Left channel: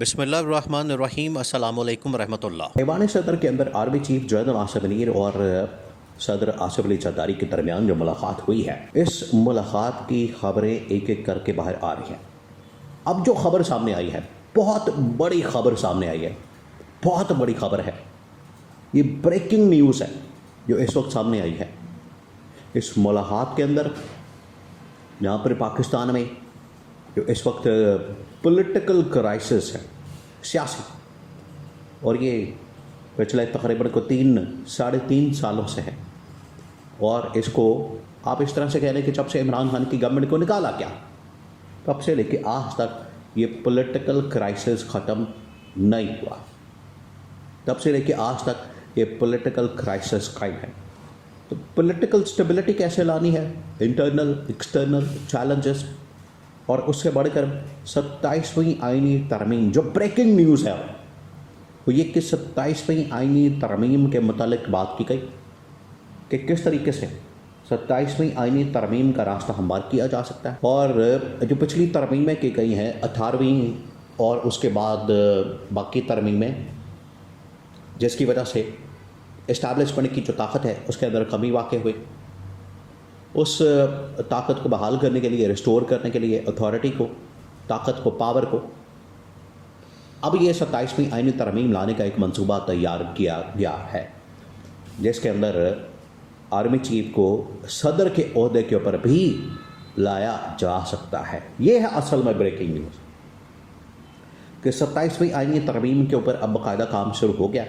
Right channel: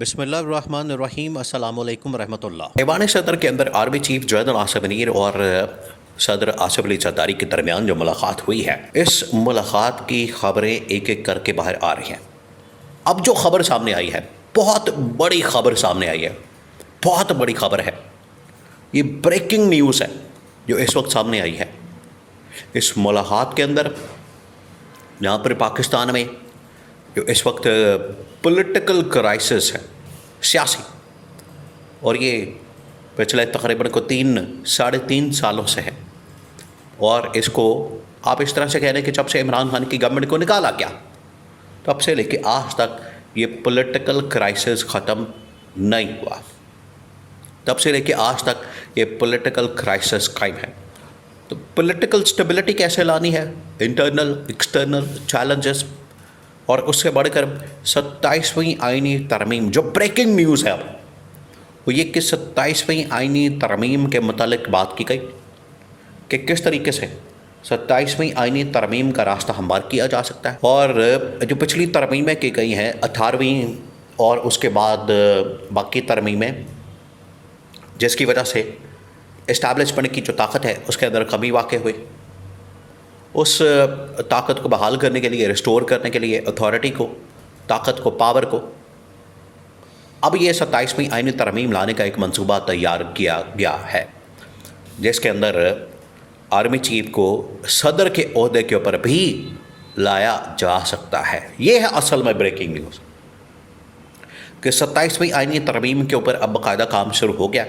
بسم اللہ الرحمن الرحیم، السلام علیکم ورحمۃ اللہ۔ ایوان صدر کے اندر army chief general Asif Munir اور صدر آصف علی زرداری کے درمیان جو ملاقات ہوئی ہے، اس ملاقات کی خبریں ایک ایک کر کے باہر آ رہی ہیں۔ اب جو خبر سامنے آئی ہے، بہت بڑی خبر سامنے آئی ہے، بہت بڑی خبر ہے، یہ بریکنگ نیوز ہے جو اس وقت سامنے آئی ہے۔ اس ملاقات کے اندر یہاں پر پاکستان میں جو اس وقت پولیٹیکل کرائسس ہے، سیاسی، اور یہ پچھلے تقریباً کو 3.5 سالوں سے ہے، اور اس کو آپ اس طرح سے کہہ رہے ہیں کہ جب سے عمران خان کی گورنمنٹ کو نکالا گیا تب سے لے کے آج تک یہ پولیٹیکل کرائسس ختم نہیں ہوا، تب سے لے کے آج تک یہ پولیٹیکل کرائسس قائم ہے۔ تو پولیٹیکل سٹیبلٹی کیسے لانی ہے، انٹرنل ایکسٹرنل چیلنجز، اور اس سے بڑھ کر 27ویں آئینی ترمیم جو بریکنگ نیوز ہے اب وہ یہ کہ 27ویں آئینی ترمیم کے متعلق بات کی گئی کہ کس طریقے سے 27ویں آئینی ترمیم کا راستہ ہموار کیا جا سکتا ہے، اور جو پچھلی ترمیمیں کی گئی ہیں 18ویں اور اس کے بعد باقی ترمیمیں، جس کی وجہ سے اسٹیبلشمنٹ کی جو طاقت ہے اس کے اندر کمی واقع ہوئی، اس طاقت کو بحال کرنے کے لیے، ریسٹور کرنے کے لیے اتھارٹی کو، طاقت کو، پاور کو، اب یہ 27ویں آئینی ترمیم لانے کا ایک منصوبہ تیار کیا گیا ہے، جس کے اندر آرمی چیف کو صدر کے عہدے کے اوپر بھی لایا جا سکتا ہے۔ یہ ہے اصل میں بریکنگ نیوز کہ 27ویں آئینی ترمیم کے اوپر اب باقاعدہ کام شروع ہو گیا،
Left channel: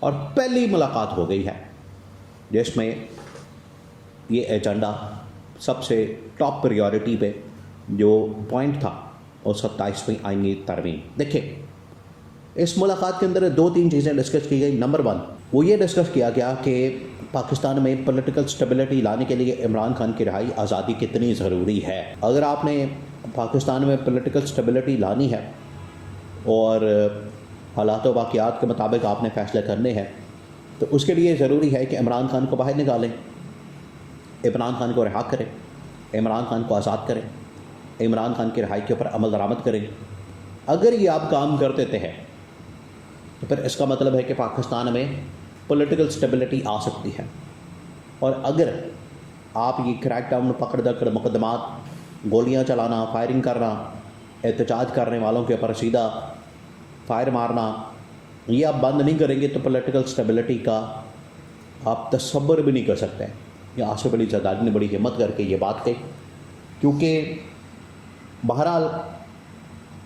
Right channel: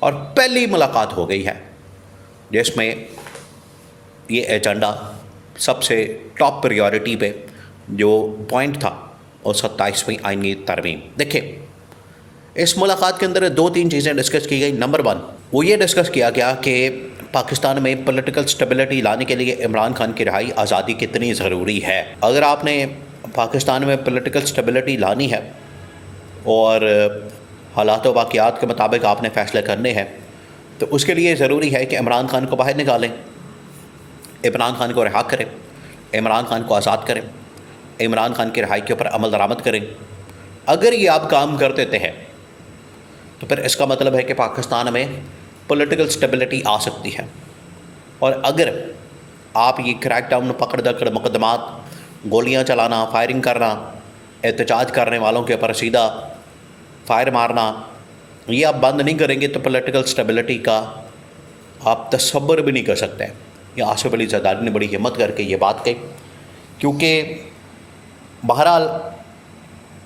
اور پہلی ملاقات ہو گئی ہے جس میں یہ ایجنڈا سب سے ٹاپ پریورٹی پہ جو پوائنٹ تھا وہ 27ویں آئینی ترمیم۔ دیکھیں، اس ملاقات کے اندر 2-3 چیزیں ڈسکس کی گئی۔ نمبر 1 وہ یہ ڈسکس کیا گیا کہ پاکستان میں پولیٹیکل سٹیبلٹی لانے کے لیے عمران خان کی رہائی آزادی کتنی ضروری ہے۔ اگر آپ نے پاکستان میں پولیٹیکل سٹیبلٹی لانی ہے اور حالات و واقعات کے مطابق آپ نے فیصلے کرنے ہیں، تو اس کے لیے ضروری ہے کہ عمران خان کو باہر نکالیں، عمران خان کو رہا کریں، عمران خان کو آزاد کریں، عمران خان کی رہائی کے اوپر عمل درآمد کریں۔ اگر یہ آپ کام کر دیتے ہیں تو پھر اس کا مطلب ہے کہ پاکستان میں پولیٹیکل سٹیبلٹی آ سکتی ہے، اور اگر آپ یہ کریک ڈاؤن، پکڑ دکڑ مقدمات، گولیاں چلانا، فائرنگ کرنا، احتجاج کرنے والوں کے اوپر سیدھا فائر مارنا، یہ آپ بند نہیں کریں گے تو پولیٹیکل سٹیبلٹی کا آپ تصور بھی نہیں کر سکتے۔ یہ آصف علی زرداری نے بڑی ہمت کر کے یہ بات کہی، کیونکہ بہرحال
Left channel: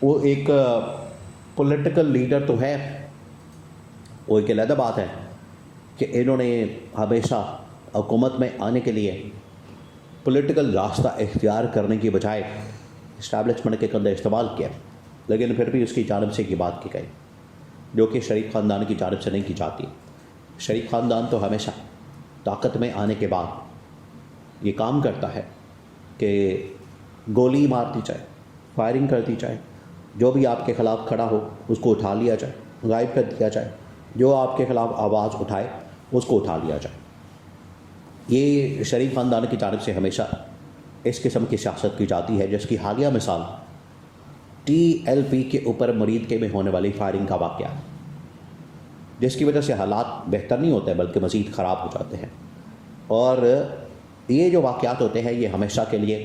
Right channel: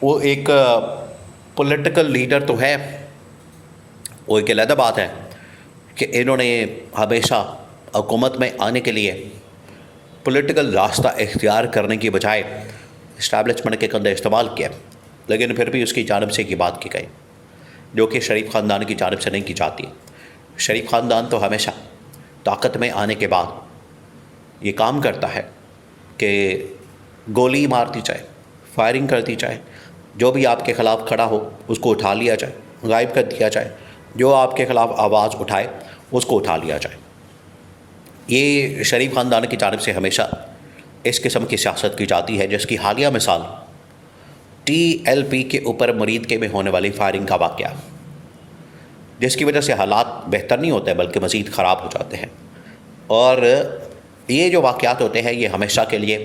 وہ ایک پولیٹیکل لیڈر تو ہے، وہ ایک علیحدہ بات ہے کہ انہوں نے ہمیشہ حکومت میں آنے کے لیے پولیٹیکل راستہ اختیار کرنے کی بجائے اسٹیبلشمنٹ کے کندھے استعمال کیا، لیکن پھر بھی اس کی جانب سے یہ بات کی گئی جو کہ شریف خاندان کی جانب سے نہیں کی جاتی۔ شریف خاندان تو ہمیشہ طاقت میں آنے کے بعد یہ کام کرتا ہے کہ گولی مارتی جائے، فائرنگ کرتی جائے، جو بھی آپ کے خلاف کھڑا ہو اس کو اٹھا لیا جائے، غائب کر دیا جائے، جو آپ کے خلاف آواز اٹھائے اس کو اٹھا لیا جائے۔ یہ شریف خاندان کی جانب سے ہمیشہ اس قسم کی سیاست کی جاتی ہے، جس کی حالیہ مثال TLP کے اوپر مرید کے میں ہونے والی فائرنگ کا واقعہ، جس کی وجہ سے حالات بہتر نہیں ہوتے بلکہ مزید خراب ہو جاتے ہیں، اور یہ جو واقعات ہوتے ہیں یہ ہمیشہ کے لیے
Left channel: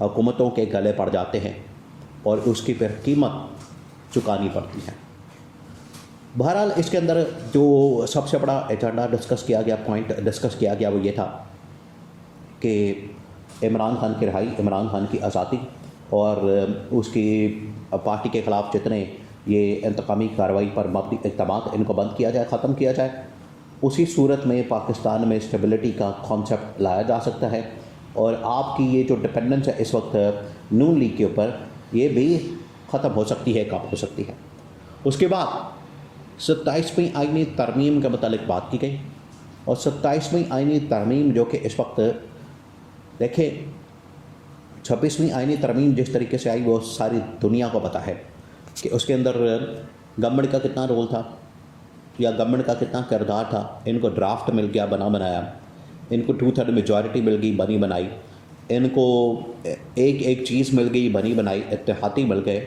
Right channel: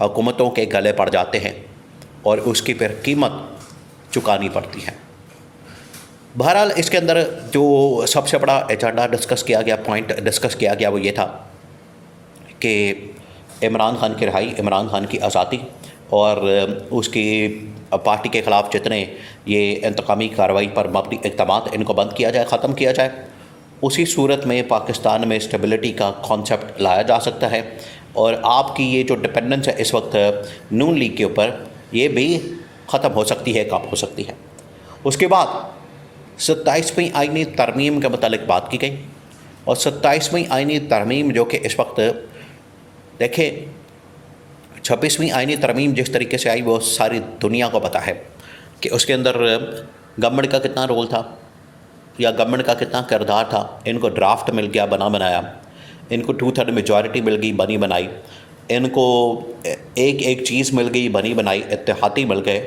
حکومتوں کے گلے پڑ جاتے ہیں اور اس کی پھر قیمت چکانی پڑتی ہے۔ بہرحال اس کے اندر جو سب سے بڑا ایجنڈا ڈسکس کیا گیا، پوائنٹ ڈسکس کیا گیا، وہ یہ تھا کہ عمران خان کی رہائی، عمران خان کی آزادی، اور اس کی پارٹی کے خلاف جتنے یہ انتقامی کارروائی پر مبنی اقدامات ان کو بند کیا جائے، ختم کیا جائے۔ اسی صورت میں پاکستان میں اسٹیبلٹی کا کانسیپٹ لایا جا سکتا ہے، اور آپ کی یہ جو ڈپینڈنس ہے اس وقت نون لیگ کے اوپر، یہ بھی ختم ہو سکتی ہے، کم ہو سکتی ہے۔ اس کے بعد 27ویں آئینی ترمیم کے متعلق بات کی گئی، اور 27ویں آئینی ترمیم جو کہ اس وقت دیکھیں 26ویں آئینی ترمیم جس طریقے سے آئی وہ ساری دنیا کو پتہ ہے کہ اس کے اندر گورنمنٹ کا کتنا رول تھا یا گورنمنٹ کا کتنا کردار تھا۔ ان کو ڈرافٹ مل گیا، بنا بنایا، ان کو 2/3 میجورٹی مل گئی، بنی بنائی، ان کو ایک چیز مل گئی، بنی بنائی، اتحادی مل گئے،